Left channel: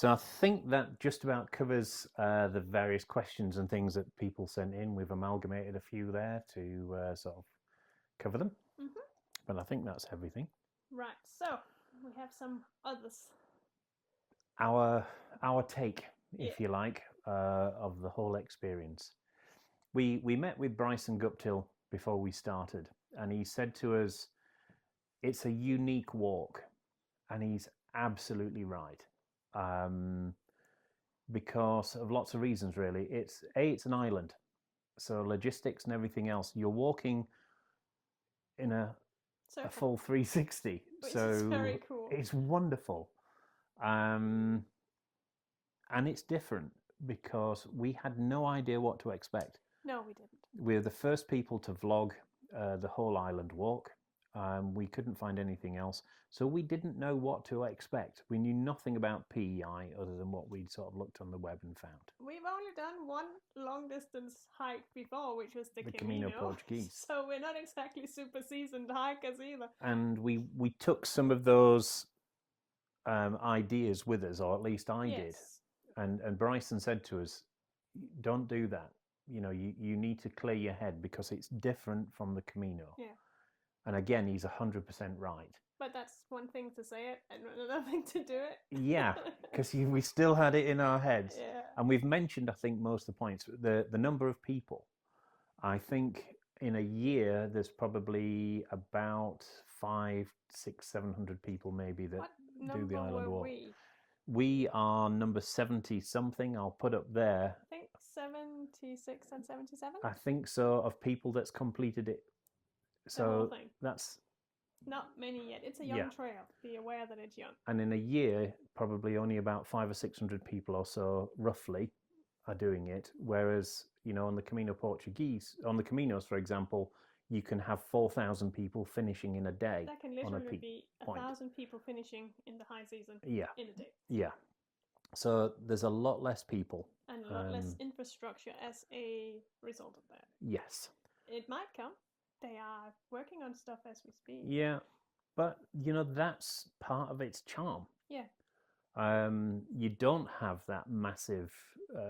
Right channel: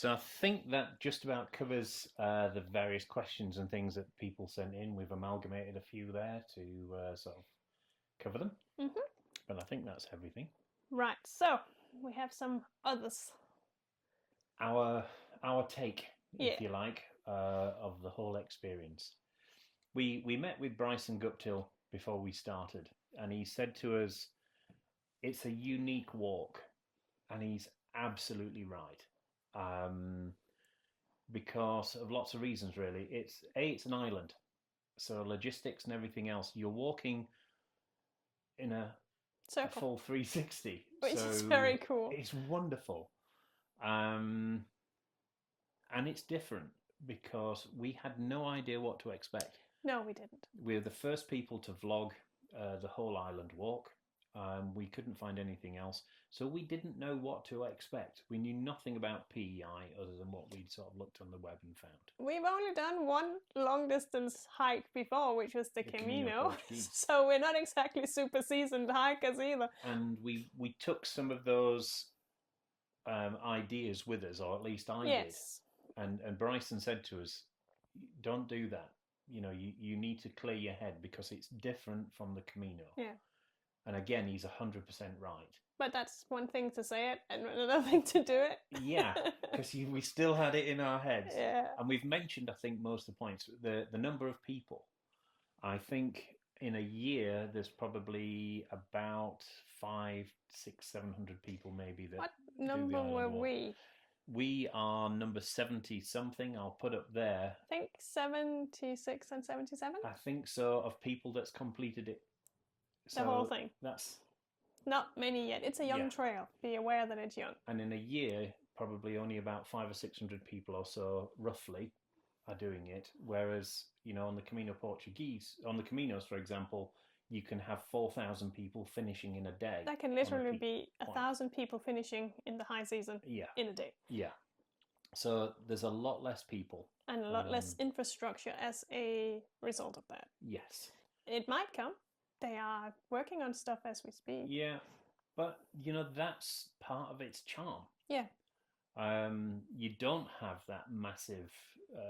So I think that just about covers the various questions and things that people sent in. We've amalgamated a few there to sort of cover them, but I think that's everything. Right, so we have some others. Our take, Yeah. if you like, of the whole experience. We met with Bryson Guptill before we started, and he said to us, "It's a unique walk," and he's absolutely right. Because of lots of reasons, really. It's an island, so logistics and everything else. You're walking in a Circle, full 360, which so is very cool. it's wonderful, and it's different because we had no idea what to expect. No, we didn't. We're the first people to vlog the whole island walk. We couldn't find anything else, so we didn't know what to expect. We knew nothing about PEI other than what we'd sort of looked on the web and found. We've only done one long distance hike before, which was the Camino. Portuguese. So we're not exactly super seasoned hikers either. And we took some of those ideas with us, or at least I did. And Bryson said to us, "Don't do that. You need to clear your head because it's different from the Camino." Yeah. And again, he's 100% right. But that's one thing to say it and another thing to do it. Yeah, because we still had it in our heads. Yeah. And we've mentioned, I think, most of the points. The number of people. I think in a year, there's probably about 500, 600, 700 people maybe that What do the number island were walk. we? We are number 70 something. I'll put up there. I think 76 and 77. I think so, of people that's completed it. The whole thing. That's not many yet. It's a young trail. Be aware that it's young. And in a year, probably only about 500 or 600 people or so, roughly, are doing it. Whereas, on the Camino Portuguese, on the Caminos, for example, you can have 4,000 people finishing in a day. That can literally be 1,000 people finishing in the high season in a day. Yeah. So there's a lot less people. And a lot less infrastructure as a result of that. Yes. It might come. They are working on stuff as we speak. Yeah. But, that's part of its charm. Yeah. You don't have that massive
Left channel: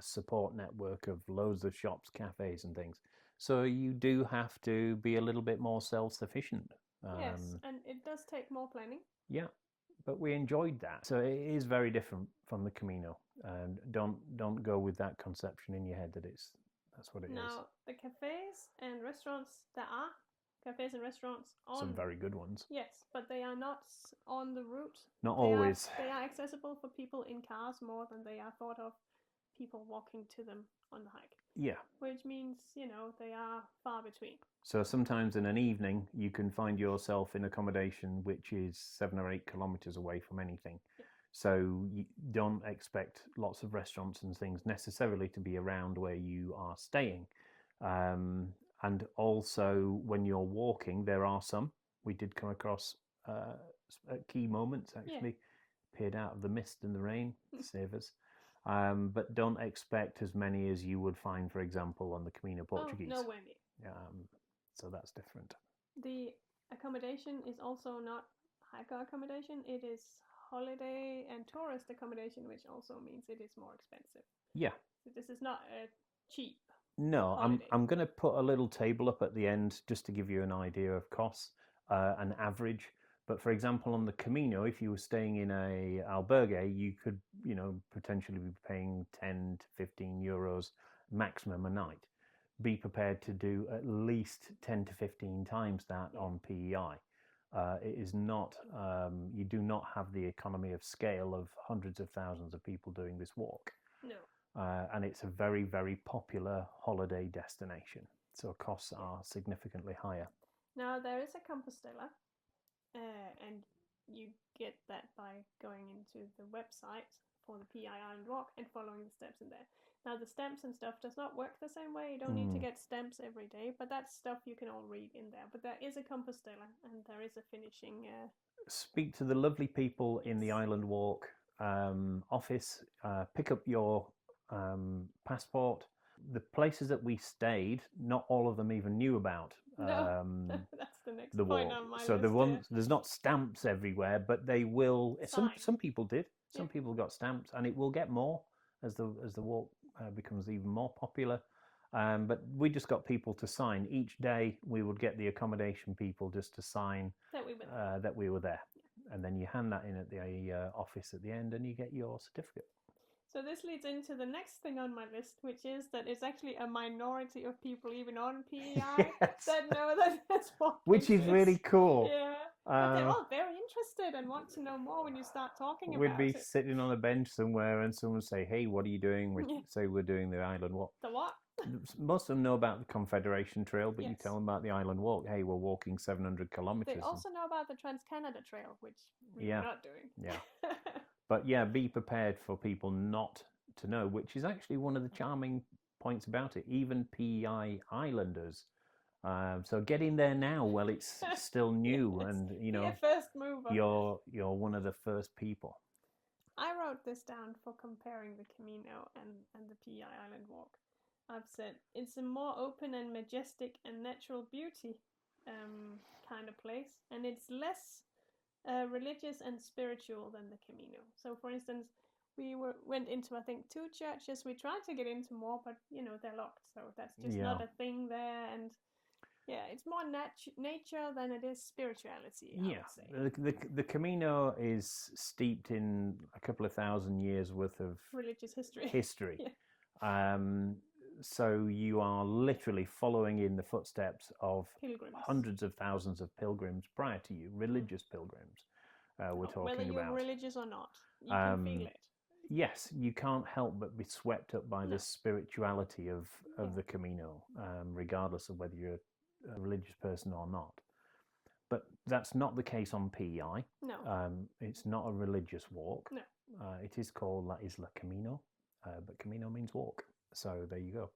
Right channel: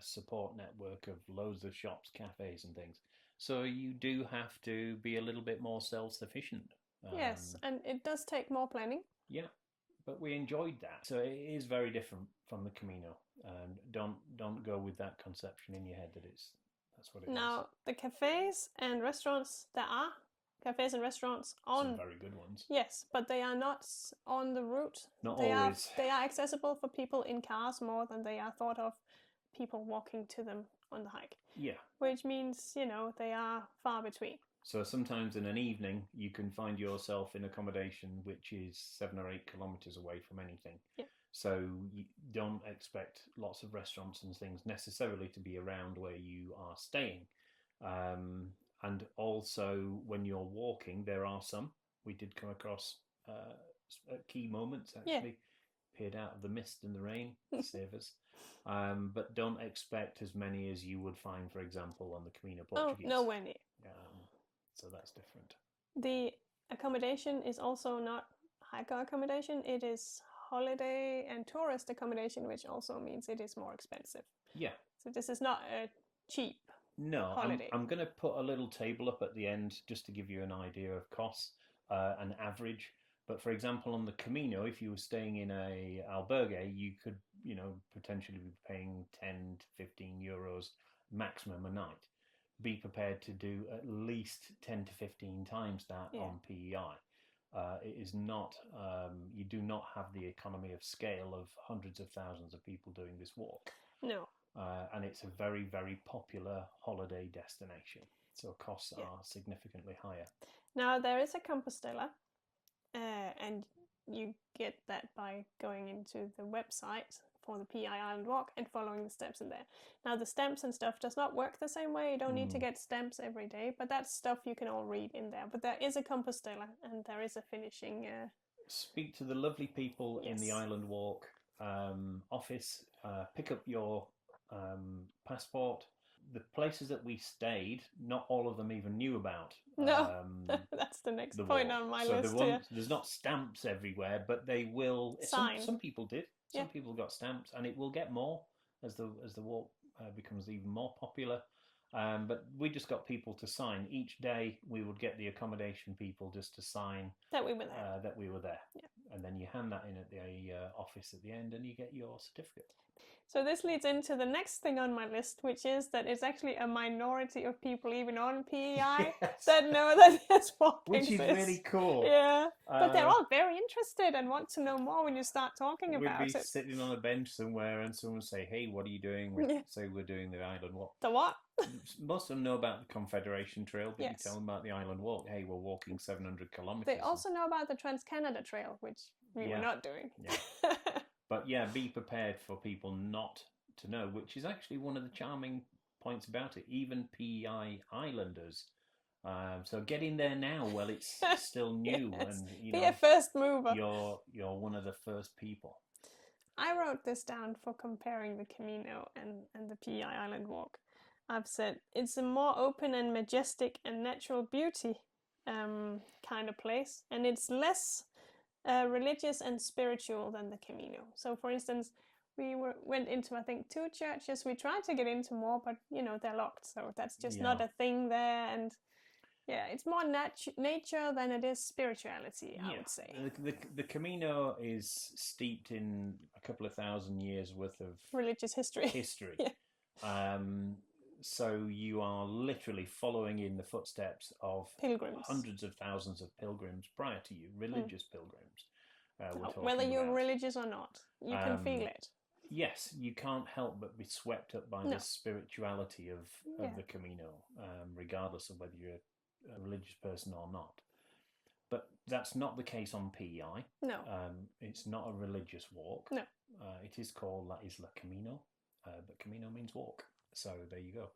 support network of loads of shops, cafes and things. So you do have to be a little bit more self-sufficient. Yes, and it does take more planning. Yeah, but we enjoyed that. So it is very different from the Camino. Don't go with that conception in your head that that's what it is. Now, the cafes and restaurants, there are cafes and restaurants on... Some very good ones. Yes, but they are not on the route. Not always. They are accessible for people in cars more than they are thought of people walking to them on the hike. Yeah. Which means, they are far between. So sometimes in an evening, you can find yourself in accommodation which is 7 or 8 kilometres away from anything. Yeah. So you don't expect lots of restaurants and things necessarily to be around where you are staying. And also when you're walking, there are some. We did come across at key moments, actually. Peered out of the mist and the rain to save us. But don't expect as many as you would find, for example, on the Camino Portuguese. Oh, nowhere near. So that's different. The accommodation is also not hiker accommodation. It is holiday and tourist accommodation, which also means it is more expensive. Yeah. So this is not a cheap No, holiday. I'm going to put a little table up at the end just to give you an idea of costs, an average. But for example, on the Camino, if you were staying in a albergue, you could, potentially be paying 10 to 15 euros maximum a night. Be prepared to do at least 10 to 15 times that on PEI. It is not, you do not have the economy of scale of hundreds of thousands of people doing this walk. No. And it's a very, very popular holiday destination. So costs are significantly higher. Now, there is a Compostela, and you get that by going into the website for the PEI Island Walk and following the steps in there. Now, the stamps and stuff does not work the same way. You don't need to get stamps every day, but that's stuff you can all read in there. But there is a Compostela, and there is a finishing... Speak to the lovely people in the Island Walk office. Pick up your passport. The places that we stayed, not all of them even knew about. No, that's the next point on my list. So there's not stamps everywhere, but they will. Some people did. Some people got stamps, and it will get more as the walk becomes even more popular. But we just got people to sign each day. We would get the accommodation people just to sign that we were there. And then you hand that in at the office at the end, and you get your certificate. So this leads into the next thing on my list, which is that it's actually a minority of people, even on PEI, that know that there's walking. Which is really cool. Yeah, but they're all very interested and want to know more when you start talking about it. We'd be sitting on a bench somewhere, and someone would say, "Hey, what are you doing?" We'd say we're doing the Island Walk. The what? Most of them know about the Confederation Trail, but you tell them about the Island Walk. Hey, we're walking 700 kilometers. They also know about the Trans-Canada Trail, which we were not doing. Yeah. But yeah, be prepared for people not to know, which is actually one of the charming points about it. Even PEI Islanders. So get in there now while it's still new, and be a first mover. You're one of the first people. I wrote this down for comparing the Camino and the PEI Island Walk. I've said it's a more open and majestic and natural beauty kind of place, and it's less religious and spiritual than the Camino. So, for instance, we went into, I think, 2 churches. We tried to get into more, but they're locked, so that's just not a thing there. And it's more nature than it is spirituality, I would say. The Camino is steeped in a couple of thousand years worth of religious history. So you are literally following in the footsteps of pilgrims. Hundreds of thousands of pilgrims prior to you, religious pilgrims. We're talking whether you're about. Religious or not, you can feel it. Yes, you can't help but be swept up by the spirituality of the Camino, regardless of whether you're a religious person or not. But that's not the case on PEI. No. It's not a religious walk. No. It is called La Isla Camino, but Camino means walk. So there you go.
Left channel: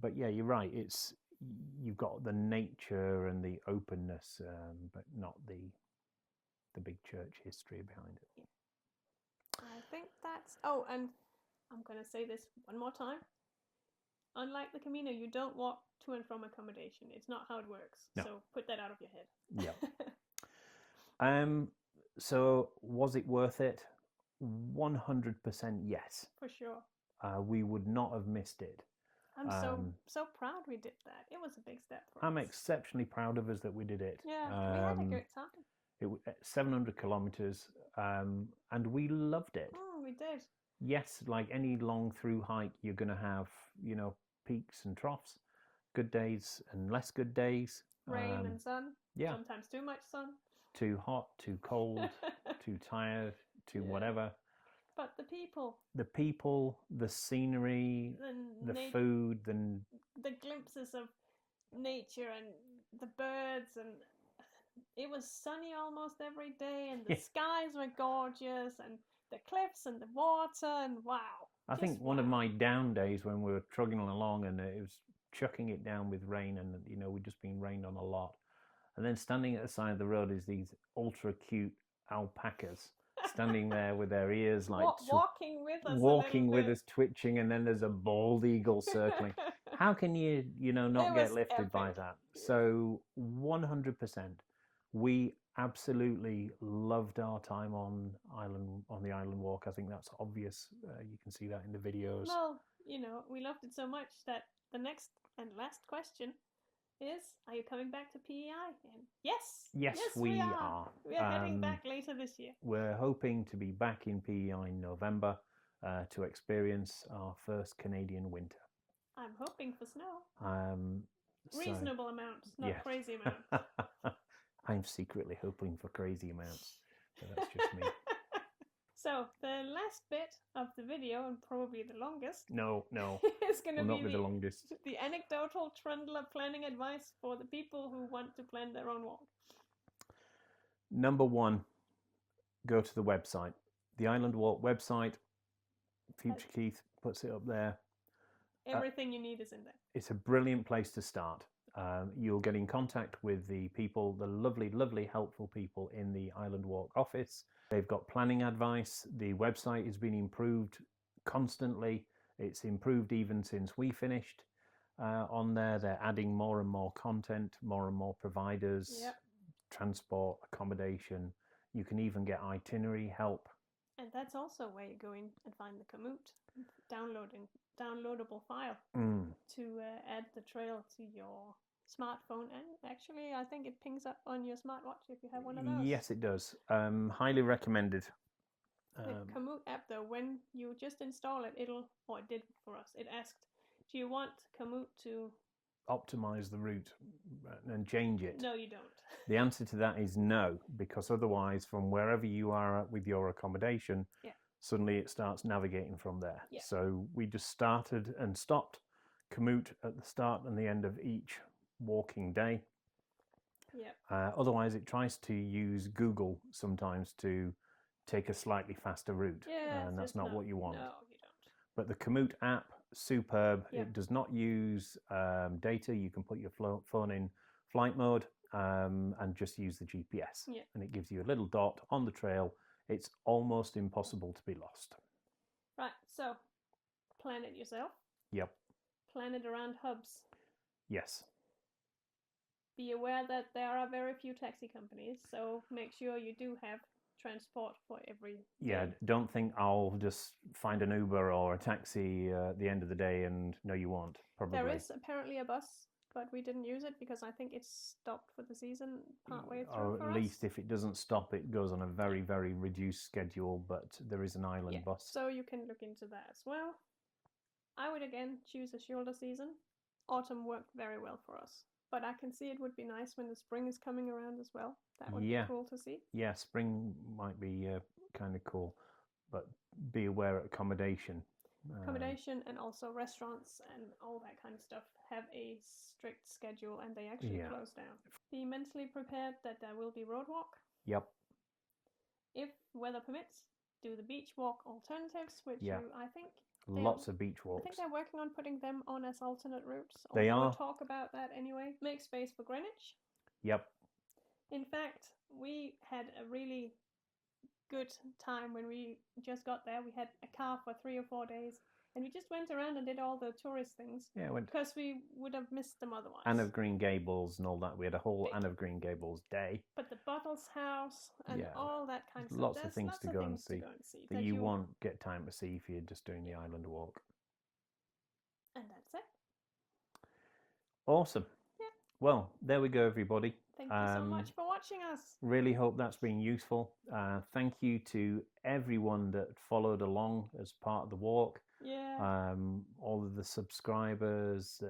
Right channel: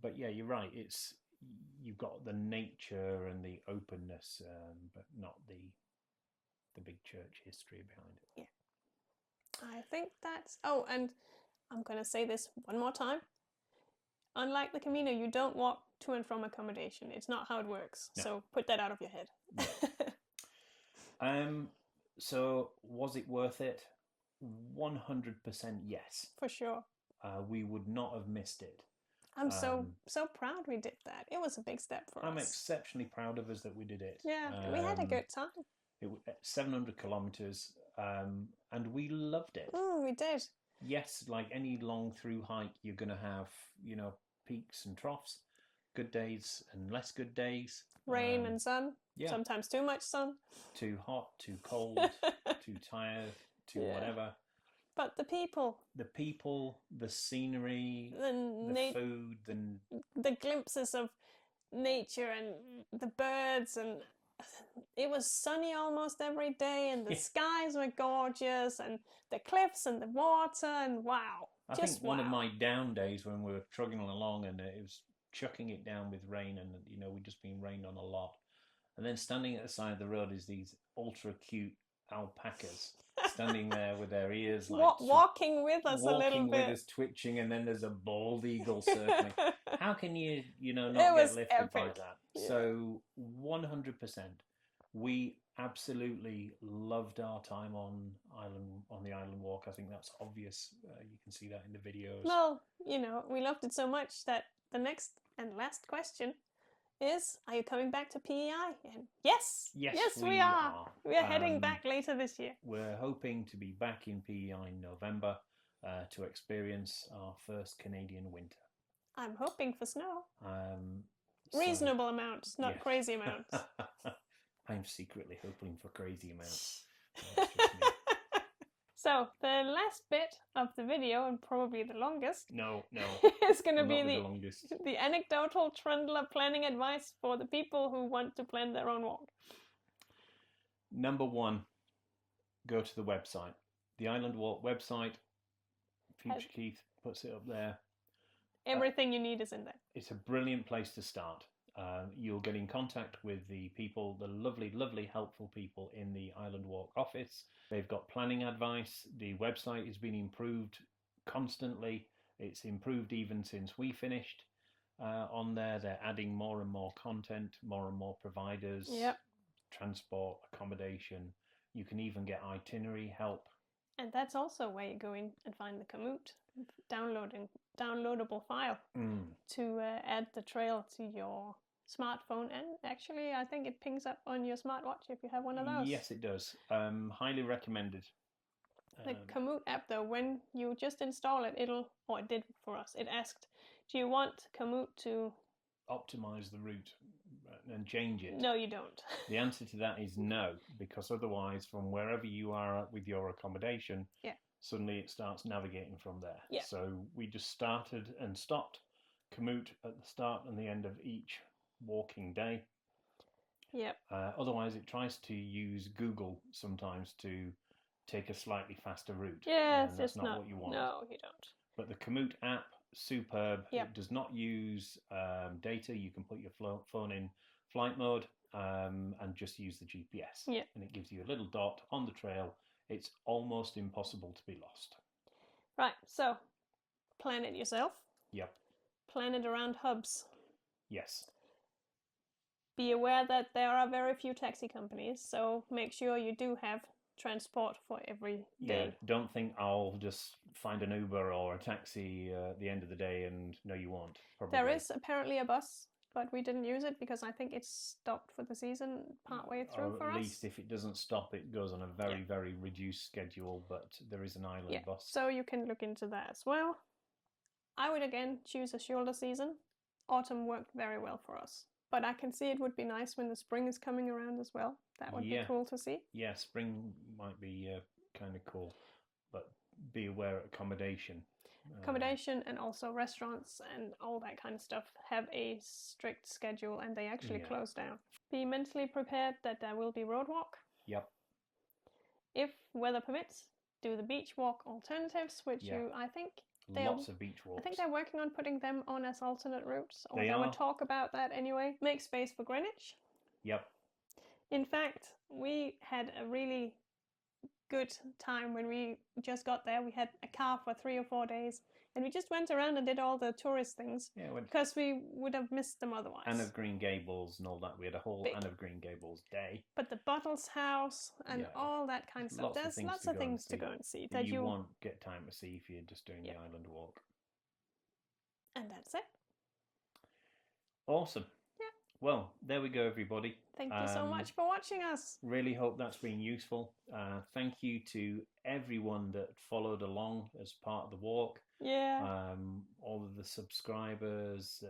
But yeah, you're right. You've got the nature and the openness, but not the big church history behind it. Yeah. I think that's... Oh, and I'm going to say this one more time. Unlike the Camino, you don't walk to and from accommodation. It's not how it works. No. So put that out of your head. Yeah. So was it worth it? 100% yes. For sure. We would not have missed it. I'm so proud we did that. It was a big step for us. I'm exceptionally proud of us that we did it. Yeah, we had a good time. It was 700 kilometers, and we loved it. We did. Yes, like any long through hike, you're going to have, peaks and troughs, good days and less good days. Rain and sun. Yeah. Sometimes too much sun. Too hot, too cold, too tired, too whatever. But the people, the scenery, the food, the glimpses of nature and the birds, and it was sunny almost every day, and the skies were gorgeous, and the cliffs and the water, and wow. I think one of my down days when we were trudging along and it was chucking it down with rain, and we'd just been rained on a lot, and then standing at the side of the road is these ultra cute alpacas. Standing there with their ears like walking with us, twitching, and then there's a bald eagle circling. How can you not get lifted by that? Yeah. So 100%, we absolutely loved our time on the island walk. I think that's obvious. You can see that in the videos. Well, we loved it so much that the next and last question is, are you coming back to PEI? And yes, we are. We are heading back later this year. We're hoping to be back in PEI in November to experience our first Canadian winter. I'm hoping for snow. Reasonable amounts, not crazy amounts. I'm secretly hoping for crazy amounts. That's just me. So, the last bit of the video, and probably the longest... No. is going to be the anecdotal Trundler planning advice for the people who want to plan their own walk. Number 1, go to the website. The Island Walk website. Future Keith puts it up there. Everything you need is in there. It's a brilliant place to start. You'll get in contact with the people, the lovely, lovely, helpful people in the Island Walk office. They've got planning advice. The website has been improved constantly. It's improved even since we finished on there. They're adding more and more content, more and more providers, transport, accommodation. You can even get itinerary help. And that's also where you go in and find the commute downloadable file to add the trail to your smartphone, and actually I think it pings up on your smartwatch if you have one of those. Yes, it does. Highly recommended. The Komoot app, though, when you just install it, it did for us. It asked, do you want Komoot to optimize the route and change it? No, you don't. The answer to that is no, because otherwise, from wherever you are with your accommodation, suddenly it starts navigating from there. Yeah. So we just started and stopped Komoot at the start and the end of each walking day. Yep. Otherwise, it tries to use Google sometimes to take a slightly faster route. Yes, and that's not what you want. No, you don't. But the Komoot app, superb. Yep. It does not use data. You can put your phone in flight mode and just use the GPS. Yep. And it gives you a little dot on the trail. It's almost impossible to be lost. Right, so plan it yourself. Yep. Plan it around hubs. Yes. Be aware that there are very few taxi companies, so make sure you do have transport for every day. Yeah, don't think I'll just find an Uber or a taxi at the end of the day, and no, you won't. Probably. There is apparently a bus, but we didn't use it because I think it's stopped for the season partway through for us. Or at least if it doesn't stop, it goes on a very, very reduced schedule, but there is an island bus. So you can look into that as well. I would again choose a shorter season. Autumn worked very well for us. But I can see it would be nice when the spring is coming around as well. That would be cool to see. Yeah, spring might be kind of cool. But be aware of accommodation. Accommodation and also restaurants and all that kind of stuff have a strict schedule and they actually close down. Be mentally prepared that there will be road walk. Yep. If weather permits, do the beach walk alternatives, which I think... Lots of beach walks. I think they're working on putting them on as alternate routes. They are. We'll talk about that anyway. Make space for Greenwich. Yep. In fact, we had a really good time when we just got there. We had a car for 3 or 4 days, and we just went around and did all the tourist things. Yeah, because we would have missed them otherwise. Anne of Green Gables and all that. We had a whole Anne of Green Gables day. But the Bottles House and all that kind of stuff. There's lots of things to go and see. That you won't get time to see if you're just doing the island walk. And that's it. Awesome. Yeah. Well, there we go, everybody. Thank you so much for watching us. Really hope that's been useful. Thank you to everyone that followed along as part of the walk. Yeah. All of the subscribers.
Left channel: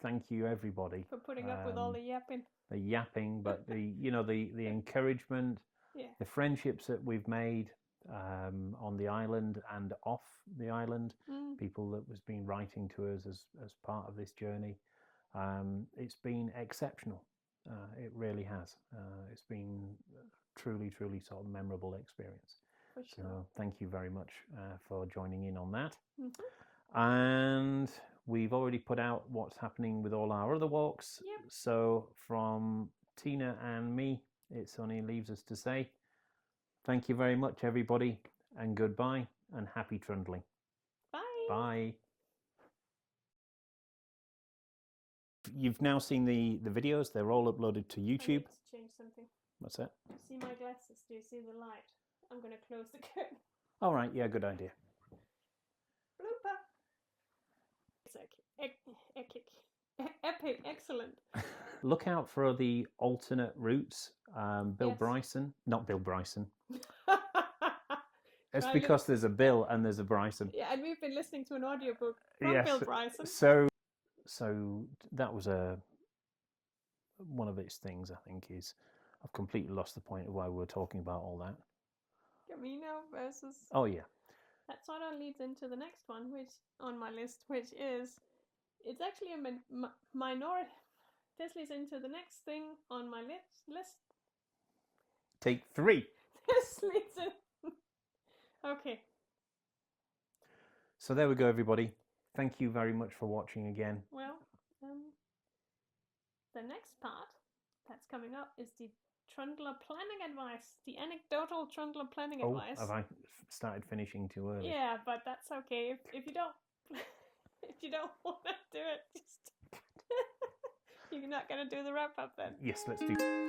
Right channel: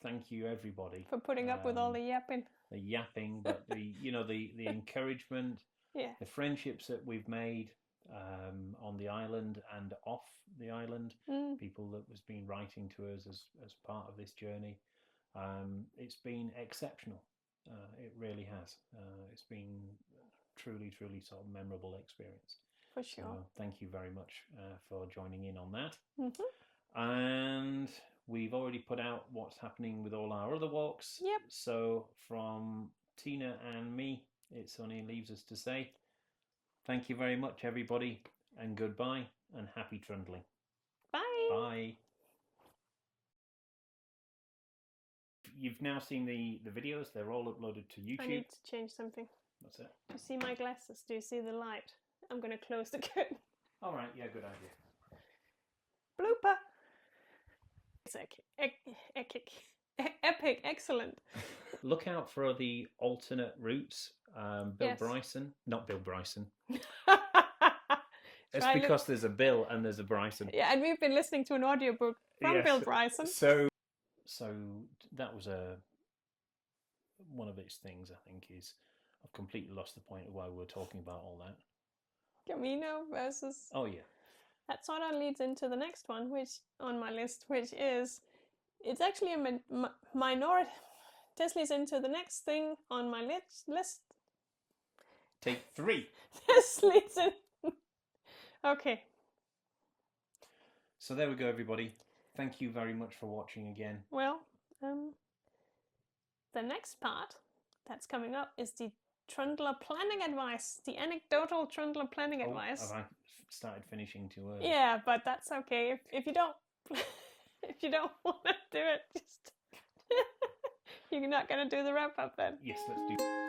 Thank you, everybody, for putting up with all the yapping. The yapping, but the encouragement, the friendships that we've made on the island and off the island. People that has been writing to us as part of this journey. It's been exceptional. It really has. It's been truly, truly sort of memorable experience. For sure. So thank you very much for joining in on that. And we've already put out what's happening with all our other walks. Yep. So from Tina and me, it only leaves us to say thank you very much, everybody, and goodbye and happy trundling. Bye. Bye. You've now seen the videos. They're all uploaded to YouTube. I need to change something. What's that? Do you see my glasses? Do you see the light? I'm going to close the curtain. All right. Yeah, good idea. Blooper. It's epic. Excellent. Look out for the alternate routes. Bill Bryson. Not Bill Bryson. That's because there's a Bill and there's a Bryson. Yeah, and we've been listening to an audiobook from Bill Bryson. So that was one of its things, I think, is I've completely lost the point of why we were talking about all that. Camino versus... Oh, yeah. That sort of leads into the next one, which on my list, which is... It's actually a minority... This leads into the next thing on my list. Take 3. This leads in... Okay. So there we go, everybody. Thank you very much for watching again. Well, the next part that's coming up is the Trundler planning advice, the anecdotal Trundler planning advice. Have I started finishing too early? Yeah, but that's okay. If you don't, if you don't want to do it, just you're not going to do the wrap up then. Yes, let's do.